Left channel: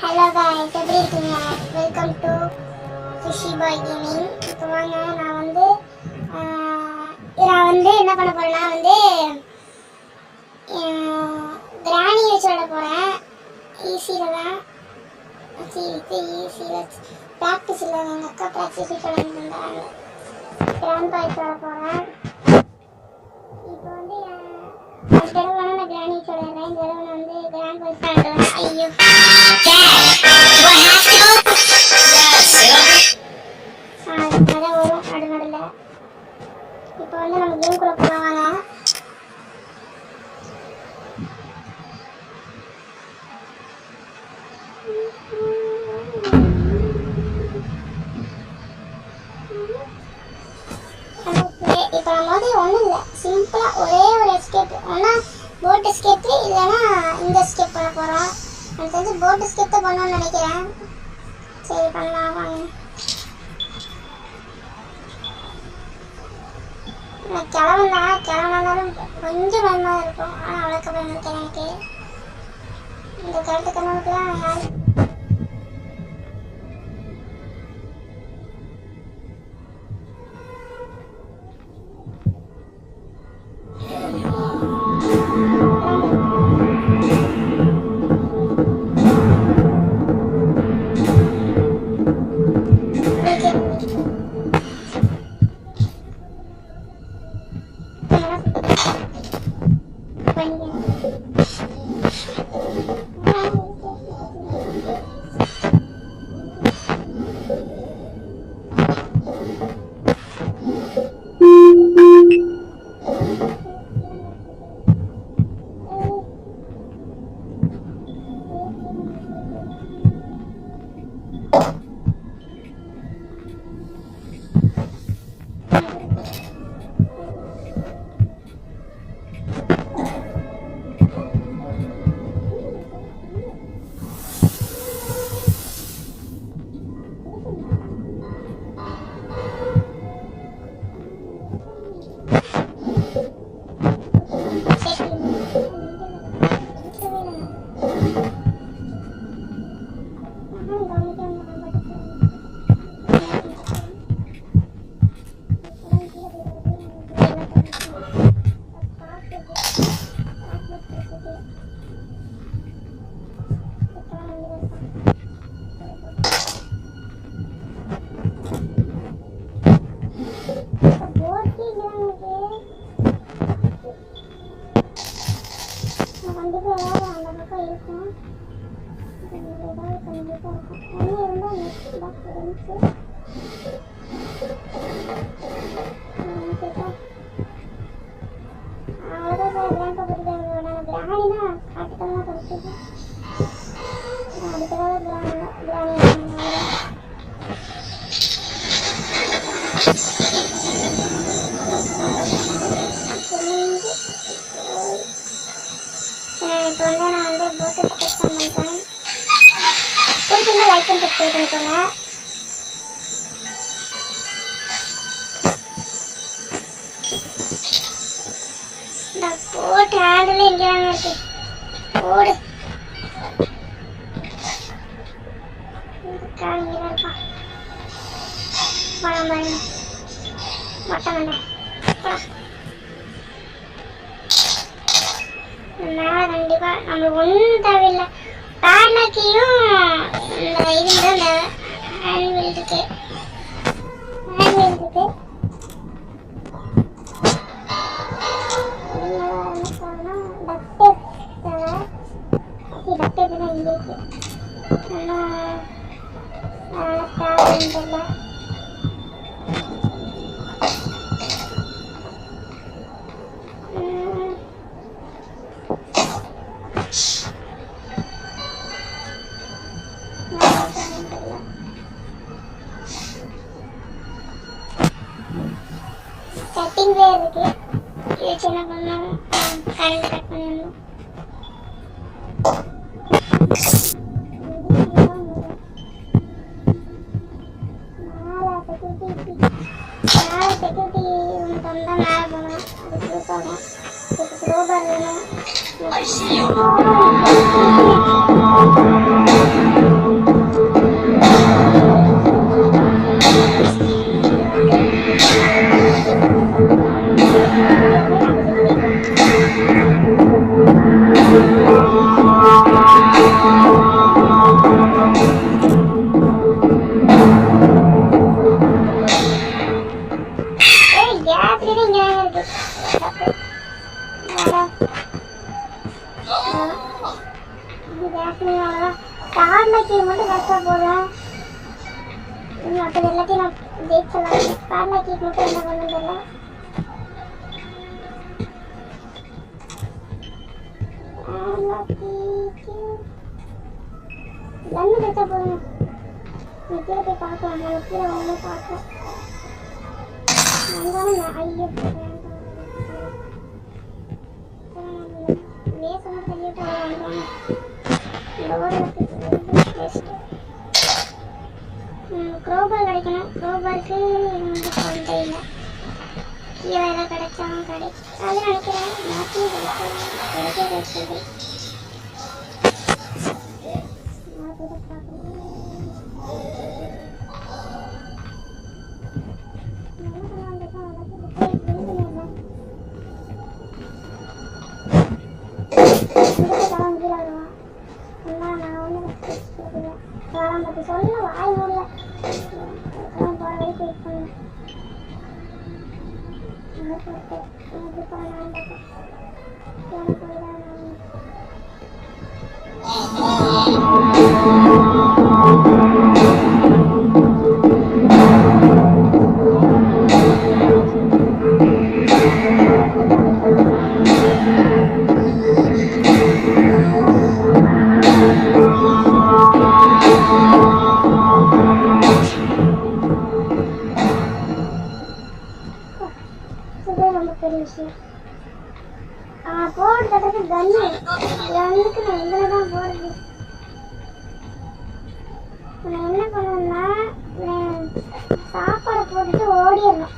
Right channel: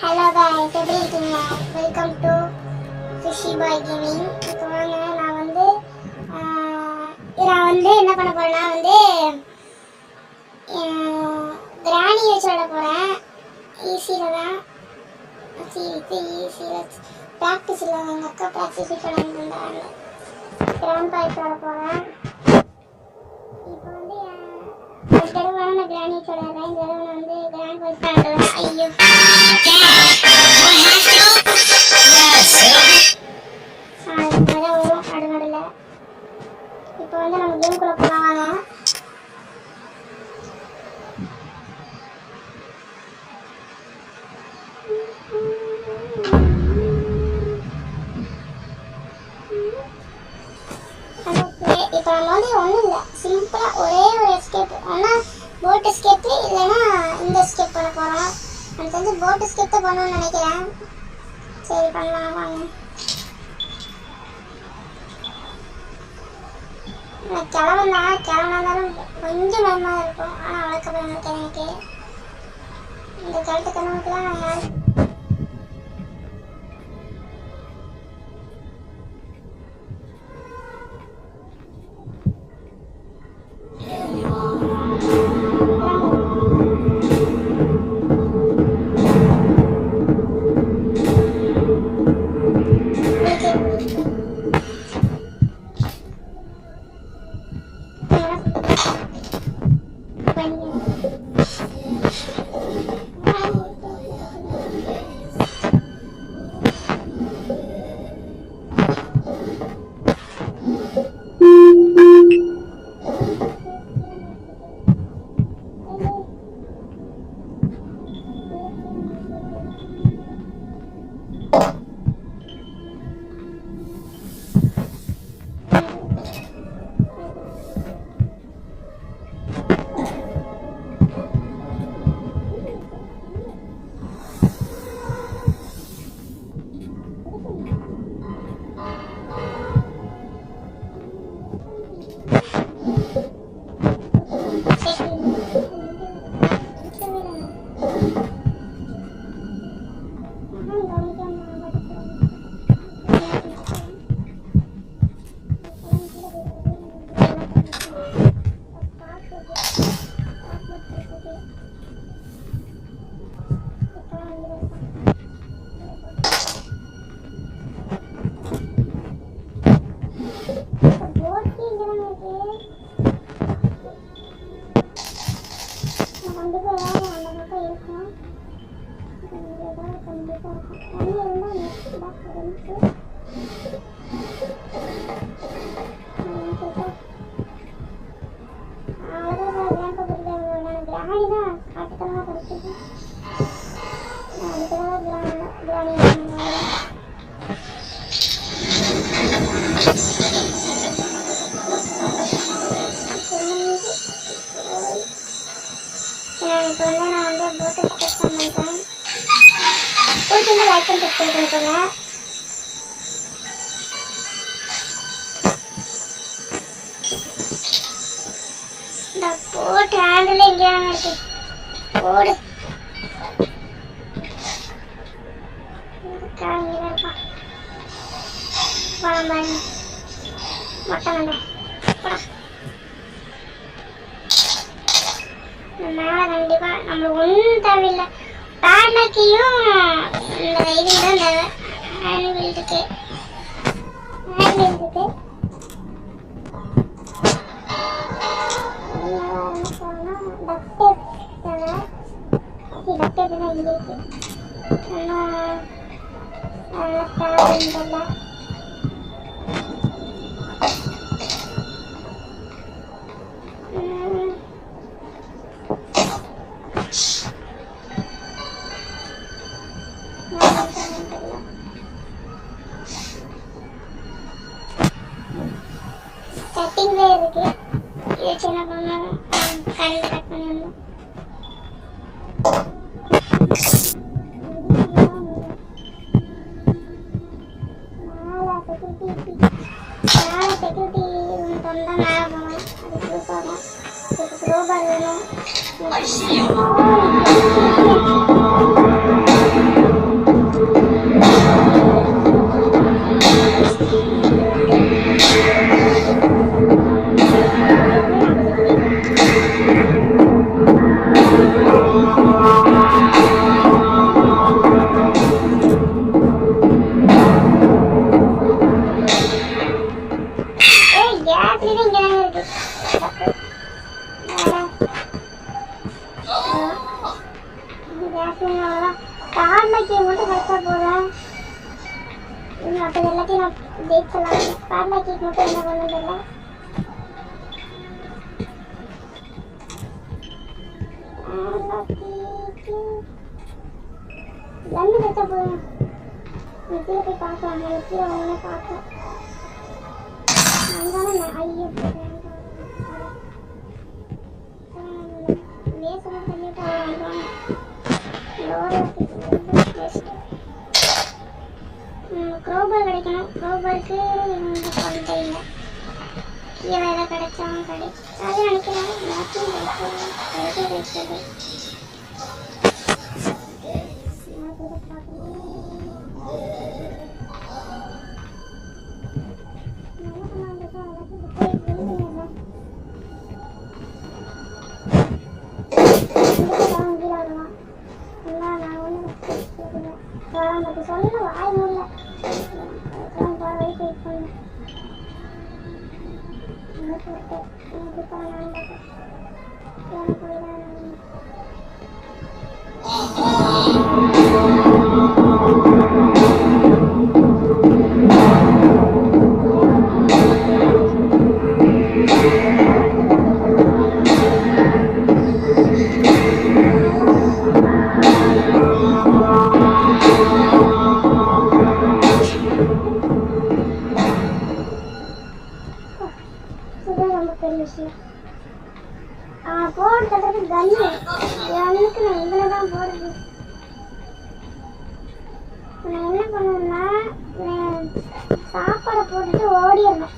Hello guys, எப்படி இருக்கீங்க? Welcome to fishy bye gaming. இப்போ வாங்க நான் வந்து என்ன பண்ண போறேன்னா கிராணி வச்சு விட போகிறேன். ஈஸியில் தான் ஈஸியில் ப்ராக்டிஸில் எங்கள் அக்கா ப்ராக்டிஸ் சொல்லியிருந்தாங்க. கிராண்ட் பாய்ஸ் விட போகிறேன். இப்போ வந்து அடுத்த தடவை நான் கிராணி வச்சு விளையாடுறேன். இந்த தடவை நான் கிராண்ட் பாய்ஸ் பண்ணுறேன். ஐயோ இப்போ நம்ம கேம்குள்ளே போகலாம் வாங்க. இப்போ நம்ம ஒன்றும் இல்லை, சிம்பிளாக ஒரே ஒரு எஸ்கேப். ஒன்றா போட் எஸ்கேப்பு இல்லைன்னா இந்த எஸ்கேப் பண்ண போகிறோம். எனக்கு தெரிஞ்சு போட் எஸ்கேப் தான் பண்ணணும்னு நினைக்கிறேன். சரி பண்ணலாம் வாங்க. கிளவனாலும் கொஞ்சம் பயமாக இருக்கும், ஆனால் அவ்வளோக்கு பயம் இருக்கேன் எனக்கு. இந்த கழுத்து கண்ணனுக்குலாம் யார் கண்டிப்பாக ஏதாவது அந்த பக்கம் இருக்கும். ஏதாவது கண்டிப்பாக இருக்கும். ஒன்று இருந்தால் நெக்ஸ்ட் தான் இருந்துச்சு. அவ்வளோதான் சார். கிராண்ட் பக்கத்தில் நான் கிராணி தான் காட்டுத்தனமாக கிடைச்சிது. அதுக்காக கிராணி இப்போ நான் போட்டு ஸ்கெட்ச் பண்ணுறேன். பிடிச்சிருந்தா லைக் பண்ணி சப்ஸ்கிரைப் பண்ணிக்கோங்க. இந்த போட் ஹேண்டில் எங்கேயாங்க இருக்கு? போடு இங்கே இருப்பான். பழம் பாருங்க, மொட்டை மண்டை படம். மேலே கண்டிப்பாக நம்மளுக்கு ஒன்றும் தேவையில்லை. பேட்லாக்கையும் இந்த இதுக்கு தான் இந்த ஹேண்ட்வீல் இருக்கு. டக்டேப் தான் இங்கே இருக்கு. இன்னும் தேவையில்லை. கட்டிங் வேர் இருக்கு. இது வச்சு என்ன பண்ணணும்? கரண்ட் கட் பண்ணணும். மேலே செக்யூரிட்டி ரூம் திறந்தா மேலே போகணும். அதுக்கு போகணும். இதுக்கு ரோபார் வேணும். கேப்ல இங்க இருக்கு கார்லக்கி மட்டும் கரெக்டா போதும். அப்போ எல்லாத்தையும் நான் ஜெயிச்சலாம். கார்லக்கி மட்டும் என்ன பண்ணணும் தெரியல. கண்ணு கரெக்டா போதும். கீழே போய் பார்க்கலாம். நம்ம கீழே ஒன்றுமே பார்க்கலாம். அங்கே ஐயோ வேசமாக தள்ளிவிட்டு வாங்குவாங்க. க்ரோபார் கிடைக்கணும். க்ரோபாருக்கு குவாலிட்டி இல்லை. கீழே ஏதாவது கிடைச்சாலும் அது நினைக்கிறேன். எல்லாத்தையும் கிடைச்சது சொல்ல வாய் மூடல. போற வரைக்கும் வெயிட் பண்ணேன். எப்படி பண்ணலாம் போயிடான். ரொம்ப பெரிய விஷயம். போர்டு தட்டுறது கன்னுக்கு நான் இதில் தான் போடுறது. நான் என்ன பண்ணுவேன்னா சாப்பாடை போட்டுட்டு ஓடிடணும்.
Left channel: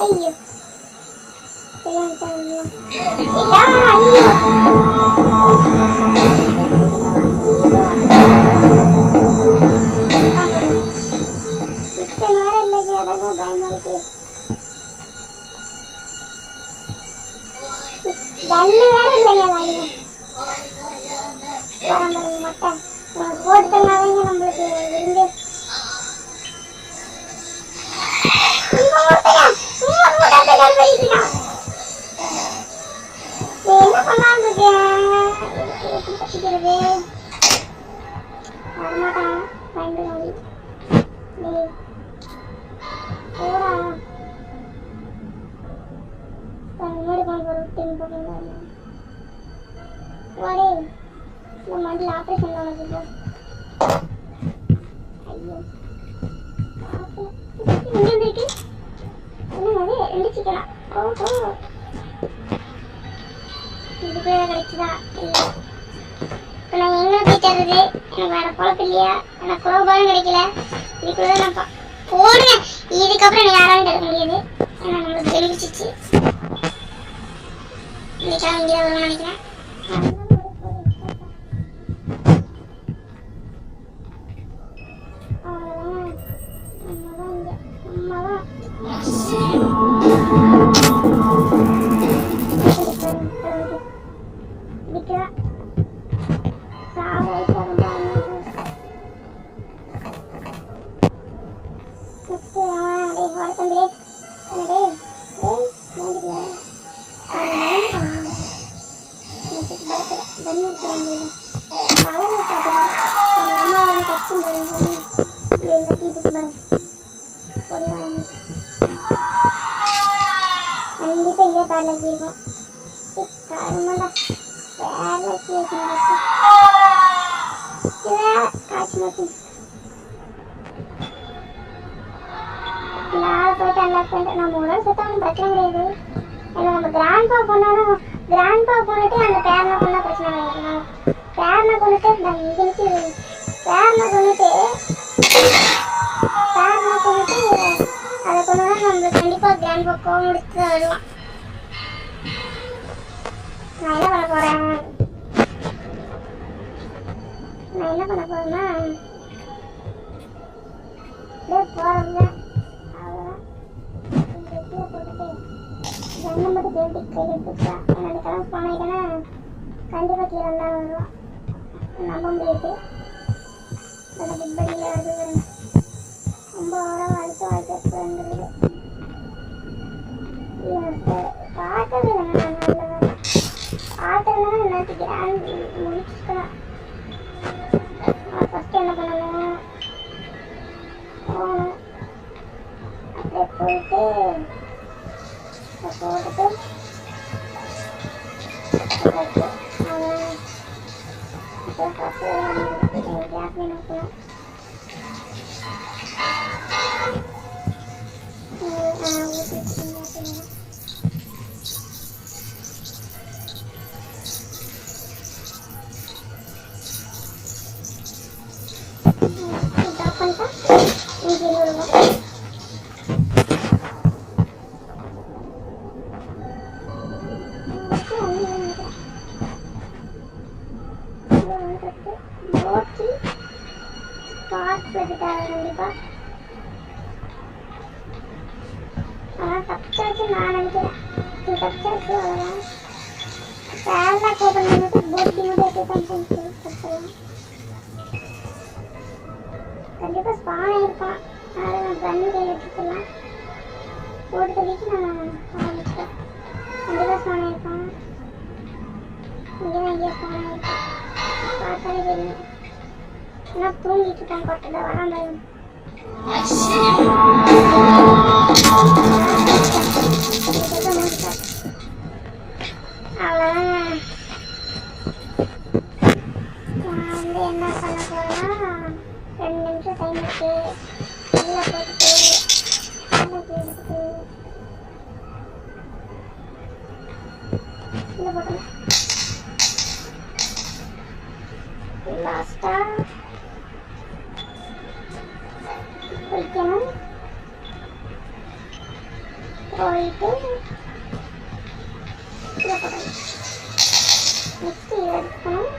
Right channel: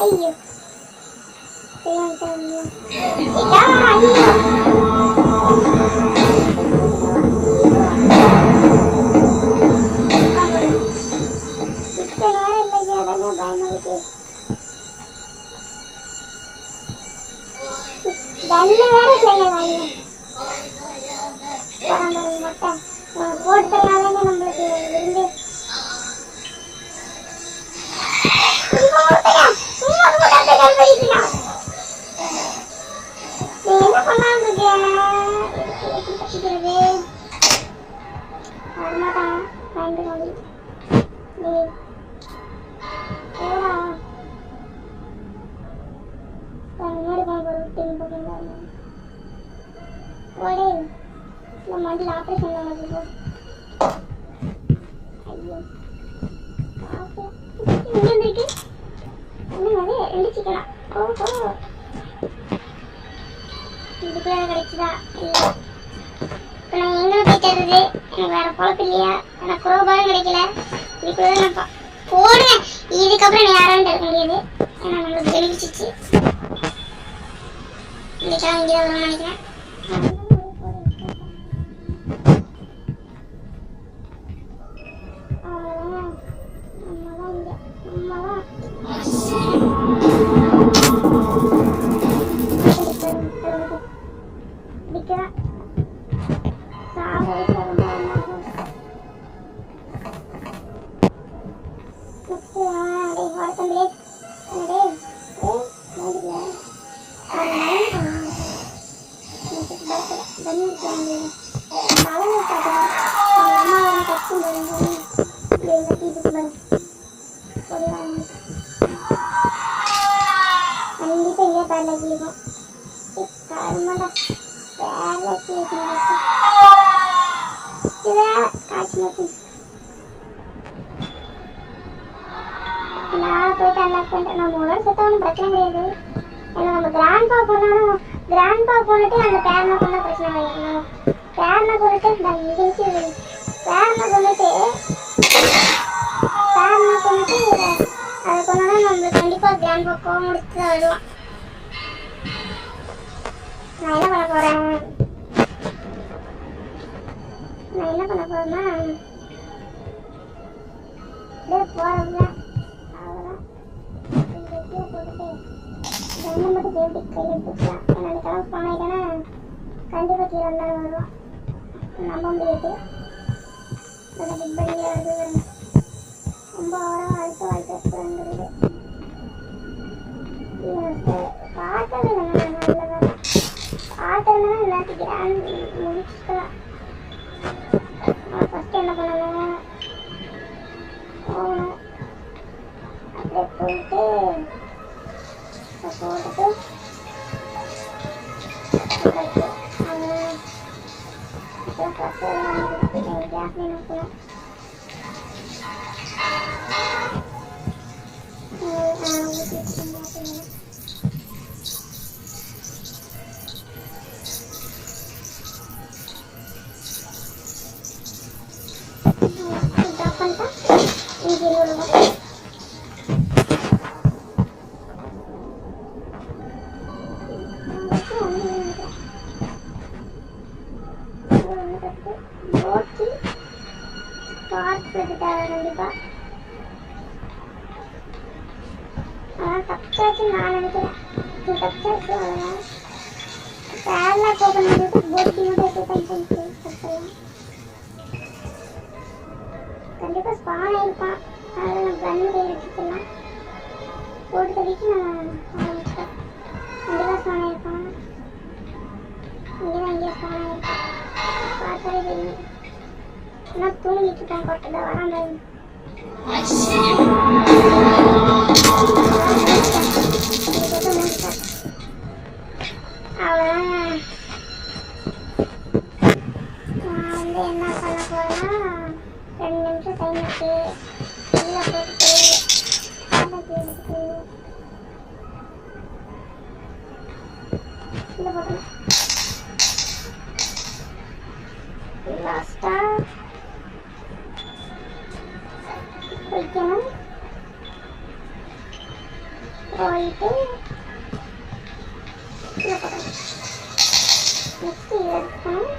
ஐயோ கண்ணு வேற இல்லைங்க. மொட்டை போட்டுனாங்க நம்மளுக்கு விருந்து. என்ன பண்ணலாம் இருக்கேன். எப்படி தப்பிக்கிறது வரமாட்டான். பயந்து காடி போடா முன்னாடி போன வாடே இந்த மண்டியில் ஆப்ரேஷன் உனக்கு போ. ஐயோ இங்கே வந்துருக்கு. என்னது 2 சிக்கனா? ஓஹோ இதுக்குள்ள கிடைச்சுதா? இல்லை இப்போ நான் எங்கே போய் தர்றது? எனக்கு வேறு பொழப்பு இல்லையா? எனக்கு குரோபாலும் கிடைக்கல. இதுக்குள்ள தான் நான் போடுவேன். இதுக்கப்புறம் நான் யாராலும் எடுக்க முடியாது. ஏன்னா நம்மளுக்கு வெளிச்சிச்சு. இன்னைக்கெல்லாம் இங்கே தான் வரும்னு நினைக்கிறேன். அவ்வளோதான். நம்ம தான் இங்கே நம்ம தான் தம்பிலே என்னடே நோண்டியா கண்டிப்பா இங்கே பேரலைக்கு இருக்கும் கருமாண்டா பேரலைக்கு காய்ச்சி மட்டும் நான் போயிட்டு அன்லாக் பண்ணிட்டேன். நம்ம உடல் செத்த ஒன்றும் பிரச்சனை கிடையாது. ஏன்னா நம்ம கிராண்ட்பா கொண்டாலும் கிராண்ட்பா கொண்டுட்டு அந்த பேரனை கொண்டா பிரச்சனை கிடையாது. நம்ம பேரனை கொண்டுட்டு பேரனை கொண்டுட்டு அதை கொண்டோன்னா நம்மளுக்கு கண்டிப்பாக கிராண்ட்பா கோவம் முடித்து வருவான். நான் என்ன பண்ண போகிறேன் அப்படியே போகிறதுதான். கீழே போட்டுட்டு ஜன்னல் மட்டும் தேடி கையில் எடுத்துக்கலாம். ஏன்னா அந்த கிளம்பி போனாயிட்டேன்னா கண்டிப்பாக கீழே இருந்தாலும் வருவான். நம்ப முடியாது. அந்த பிட்படியில் வருது ரொம்ப ஓரமாக வாழ்த்துறது பார்க்கவே இல்லைங்க. நான் நல்ல வேலை பார்த்துருந்தேன்னா எல்லாத்தையும் கிராண்ட் முடிச்சுக்கலாம். ஃபஸ்ட்டு என்ன பண்ணணும் போகணும். அப்படியே போயிட்டு போட்டுட்டு கேஸ் நினைக்கணும். ட்ராப் பண்ணிட்டா இங்கே இன்னொரு ஓட்டி பார்க்கில் கிட்டாங்க கண்டிப்பாக. அதான் தப்பிச்சாச்சுன்னு நான் நினைக்கிறேன். தப்பிச்சாச்சு அவ்வளோதான். பேரலாக் ஓப்பன் பண்ணிட்டு போட்டி மட்டும் தப்பிடலாம். கண்டிப்பாக ஸ்பான் ஆகிருப்பான். அதை கன் கையில் எடுத்துக்கலாம். போட்டு தள்ளிட்டு நான் ஆரம்பிச்சிட்டேன். கண்டிப்பாக ஸ்பான் ஆகிருப்பான். இங்கே தான் இங்கே ஸ்பான் ஆகிருப்பான். பார்த்தாலே தெரியும். ஆனால் தூங்கிட்டு இருக்கான். கொட்டை வரான் பயம். அவ்வளோதான். நான் வந்து என்ன பண்ண போகிறேன்னா 2 நிமிஷம் டைம் இருக்கு. உள்ளே போட்டுட்டு எடுத்துட்டு உள்ளே போட்டேன். லாஸ்ட்டாக வைக்கணும். போயிட்டு இதை போட்டணும். நெக்ஸ்ட்டு இதை எடுத்துக்கணும்.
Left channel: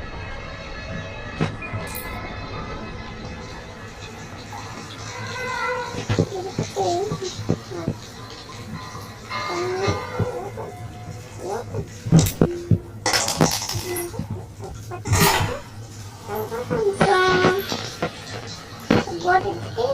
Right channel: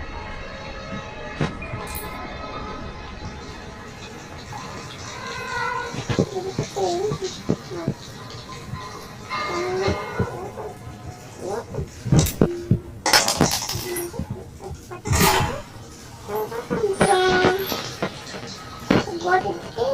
போட்டுட்டு